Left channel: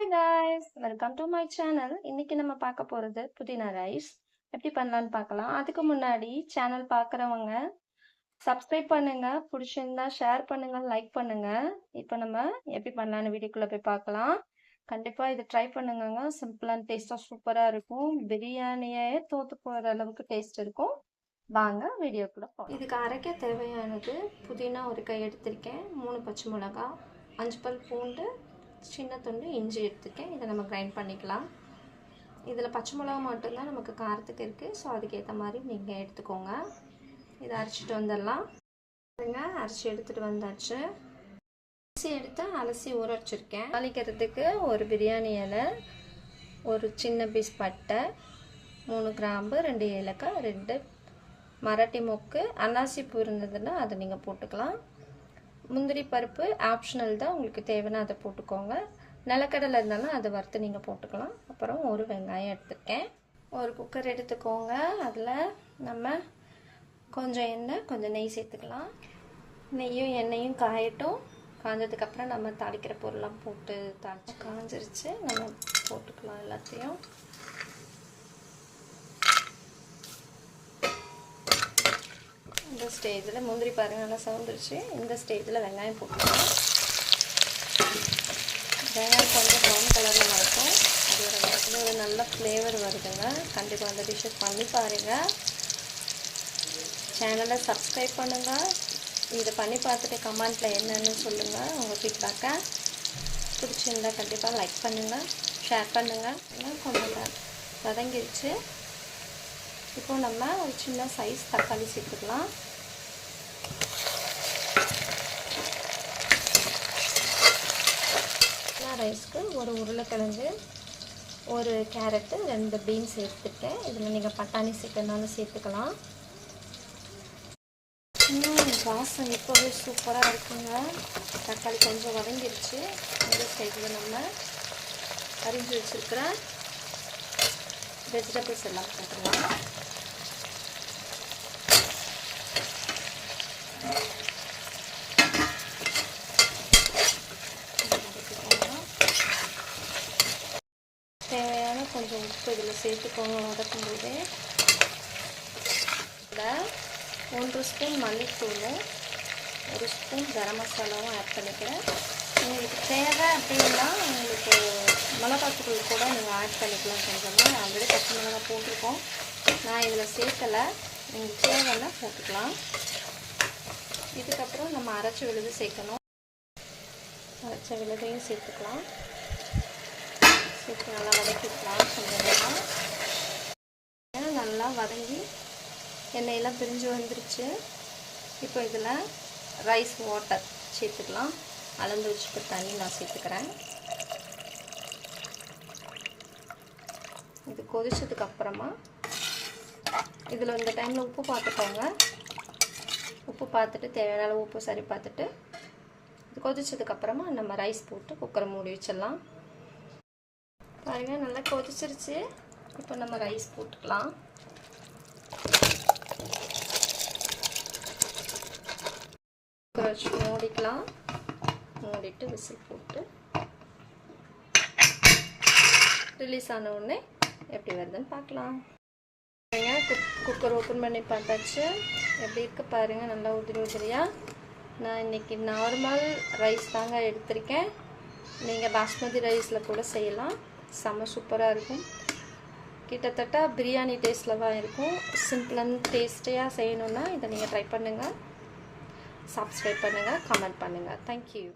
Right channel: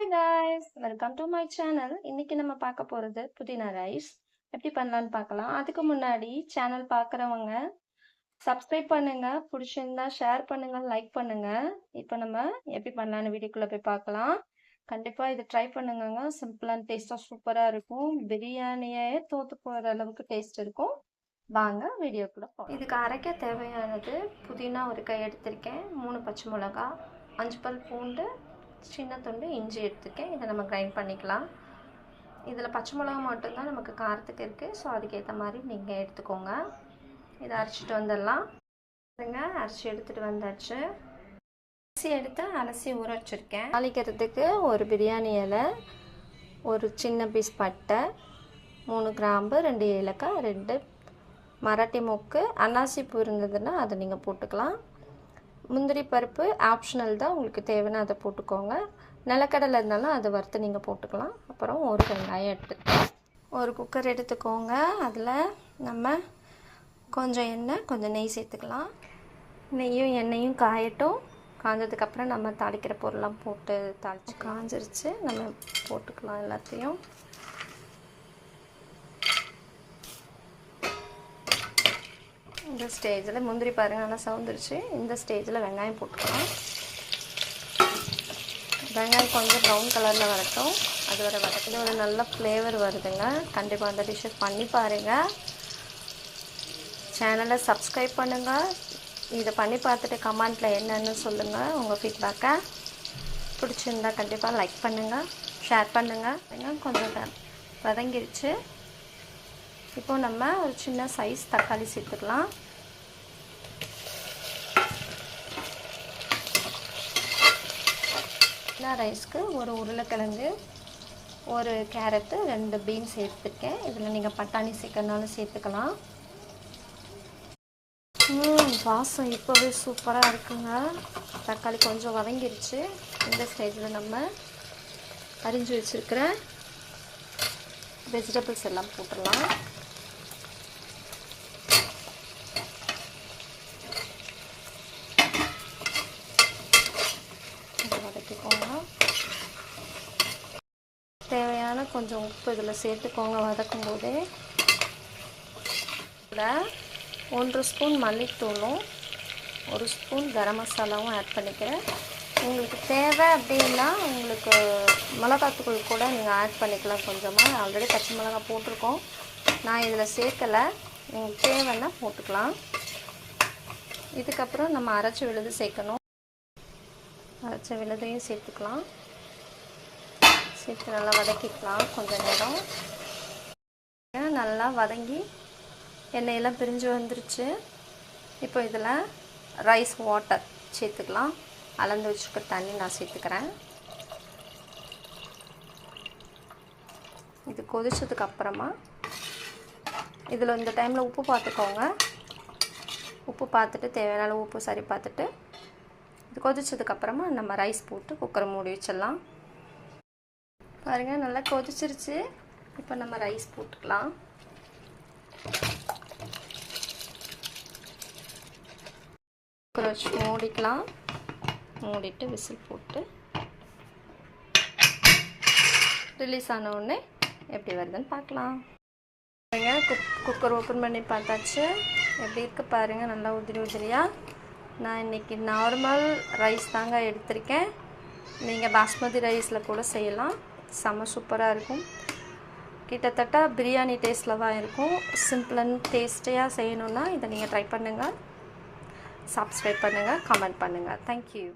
Hey guys, welcome to my channel. இன்னைக்கு நம்ம பார்க்க போறது புதினா ரைஸ் எப்படி பண்ணலாம்னு பார்க்கலாம். அதுக்கு முன்னாடி சேனல் பார்க்குறவங்க சப்ஸ்கிரைப் பண்ணுங்க, பிடிச்சிருந்தா ஷேர் பண்ணுங்க, லைக் பண்ணுங்க. இப்போ நம்ம எப்படி பண்ணலாம்னு வீடியோக்குள்ள போய் பார்க்கலாம். கண்டிப்பா இதை ட்ரை பண்ணுங்க. சிம்பிள் அண்ட் டேஸ்டா சூப்பரா இருக்கும். பிரியாணியே தோத்து போற அளவுக்கு டேஸ்ட் இருக்கும். வாங்க வீடியோக்குள்ள போகலாம். இதுக்கு அரைக்க தேவையானது புதினா ஒரு கை எடுத்திருக்கேன், 3 பச்சை மிளகாய், 5 பல் பூண்டு, சின்ன துண்டு இஞ்சி எடுத்துக்கேன். இதை நம்ம கிரைண்ட் பண்ணிக்கலாம். இதில் பச்சை மிளகா மட்டும்தான் நமக்கு காரத்துக்கு இருக்குது. ஸோ அதுக்கேற்ற மாதிரி நீங்கள் எடுத்துக்கோங்க. இதை அரைச்சிட்டு வந்துடலாம். அரைச்சி எடுத்துகிட்டு வந்தாச்சு. அரிசி எடுத்து அலசி ஊற வச்சுருக்கேன். தாளிக்கிறதுக்கு ஒரு பிரியாணி இலை, ஒரு சின்ன பீஸ் பட்டை, 3 கிராம்பு, 2 ஏலக்காய், 2 மராட்டி மொக்கு, அன்னாசி பூ இருந்ததுன்னா அதை நீங்கள் போட்டுக்கலாம். முந்திரி பருப்பு ஆப்ஷனல் தான், உங்களுக்கு தேவைன்னா அதை போட்டுக்கோங்க. நிலக்கடலை இருந்தாலும் அதை வறுத்து நீங்கள் போட்டுக்கலாம். அப்புறம் ஒரு வெங்காயம் எடுத்துக்கோங்க. ஒரு குக்கர் எடுத்துக்கோங்க. அதில் நம்ம கொஞ்சம் எண்ணெய், கொஞ்சம் நெய் சேர்த்துக்கலாம். நெய்யும் எண்ணெயும் காயட்டும். காஞ்சதுக்கப்புறம் நம்ம தாளிக்கிற பொருளாம் போட்டு தாளித்து காஞ்சிருச்சு. நம்ம போட்டுக்கலாம் எல்லாத்தையும். இந்த ஸ்டேஜில் முந்திரி பாருங்கள் நல்லா சவுந்துருச்சு. இந்த ஸ்டேஜில் வெங்காயம் போட்டுக்கலாம். வெங்காயம் கொஞ்சம் ப்ரௌன் கலரில் வரட்டும். அது வர வரக்குள்ள ஒரு நல்ல ஃப்ளேவர் வருதுங்க. கண்டிப்பாக அந்த டிஷ்ஷஸ் பண்ணி பாருங்கள். சேனலை சப்ஸ்கிரைப் பண்ணுங்கள். இதை பண்ணி பார்த்துட்டு கமெண்ட்டில் என்னென்னு சொல்லுங்கள் உங்கள் ஃபீட்பேக்கை. பிடிச்சிருந்தா கண்டிப்பாக லைக் பண்ணுங்கள், ஷேர் பண்ணுங்கள். கொஞ்சம் வதங்கிடுச்சு. இப்போ நம்ம ஒரு சின்ன சைஸ் தக்காளி சேர்த்துக்கலாம். ரைஸ்க்கு ஒரு உருளைக்கிழங்கு, ஒரு கேரட்டு, 2 பீன்ஸ் சேர்த்துருக்கேன். இதில் நீங்கள் பட்டாணி சேர்க்கறனாலும் சேர்த்துக்கலாம். வாசம் இப்போவே சூப்பராக இருக்குங்க. தக்காளி கொஞ்சம் வதங்கிருச்சு. இந்த ஸ்டேஜில் நம்ம அரிஞ்சு வச்சுருக்கிற வெஜிடபிள்ஸ் எல்லாம் போட்டுடலாம். தேவையான கொஞ்சம் உப்பு இதில் சேர்த்துக்கோங்க. வதக்கும் போது கூட 1 ஸ்பூன் மல்லித்தூளும் 1 ஸ்பூன் கரம் மசாலாவும் ஆட் பண்ணிக்கிறேன். உங்களுக்கு தேவை அப்படின்னா உங்களுக்கு மிளகாத்தூள் கூட நீங்கள் ஆட் பண்ணிக்கலாம். கொஞ்சமாக ஆல்ரெடி பச்சை மிளகாய் போட்டிருக்கோம். நான் இதில் சேர்க்கலை. உங்களுக்கு தேவைன்னா போட்டுக்கலாம். இதுக்கப்புறம் நம்ம அரைச்ச விழுது சேர்க்கணும். அரைச்ச விழுதையும் சேர்த்துக்கலாம். சேர்த்து நல்லா வதக்கிக்கலாம். கொஞ்சம் நேரம் நல்லா வதங்கி எண்ணெயெல்லாம் பிரிஞ்சு வந்துருச்சு. இப்போ இதில் ரைஸ் வாட்டர் சேர்த்துக்கலாம். அளந்து வச்சுக்க தண்ணி நான் சேர்த்துக்கிறேன். இது கொதிச்சதுக்கு அப்புறமா இதில் இந்த டைமில் உப்பு பார்த்துக்கோங்க. உப்பு பார்த்துட்டு தேவையான உப்பு சரி பார்த்துட்டு இது கொதிச்சதுக்கப்புறமா நம்ம ரைஸ் போட்டு குக்கரை மூடி வச்சிடலாம். பாருங்கள் நல்லா கொதிச்சிருச்சு. இப்போ நம்ம ரைஸ் போட்டுக்கலாம். குக்கரை வச்சு மூடிக்கலாம். மூடிட்டு விசில் போட்டு ரிலீஸ் ஆன உடனே எப்படி வருதுன்னு பார்க்கலாம். பாருங்கள் குக்கர் ஓப்பன் பண்ணி பார்த்தாச்சு. எப்படி இருக்குது பாருங்கள், நல்லா உதிரி உதிரியாக. நான் இன்றைக்கி நார்மல் ரைஸ் தாங்க எடுத்திருக்கேன். நீங்கள் பாஸ்மதி ரைஸில் கூட செய்யலாம். செம்ம சூப்பராக இருக்கும். கிட்டத்தட்ட பிரியாணி டேஸ்ட்டில் தான் இருக்கும். சிம்பிள் அண்ட் டேஸ்டியாக செய்யணுன்னா இதை நீங்கள் ட்ரை பண்ணுங்கள். சப்ஸ்கிரைப் பண்ணுங்கள், கமெண்ட் பண்ணுங்கள். தேங்க்யூ.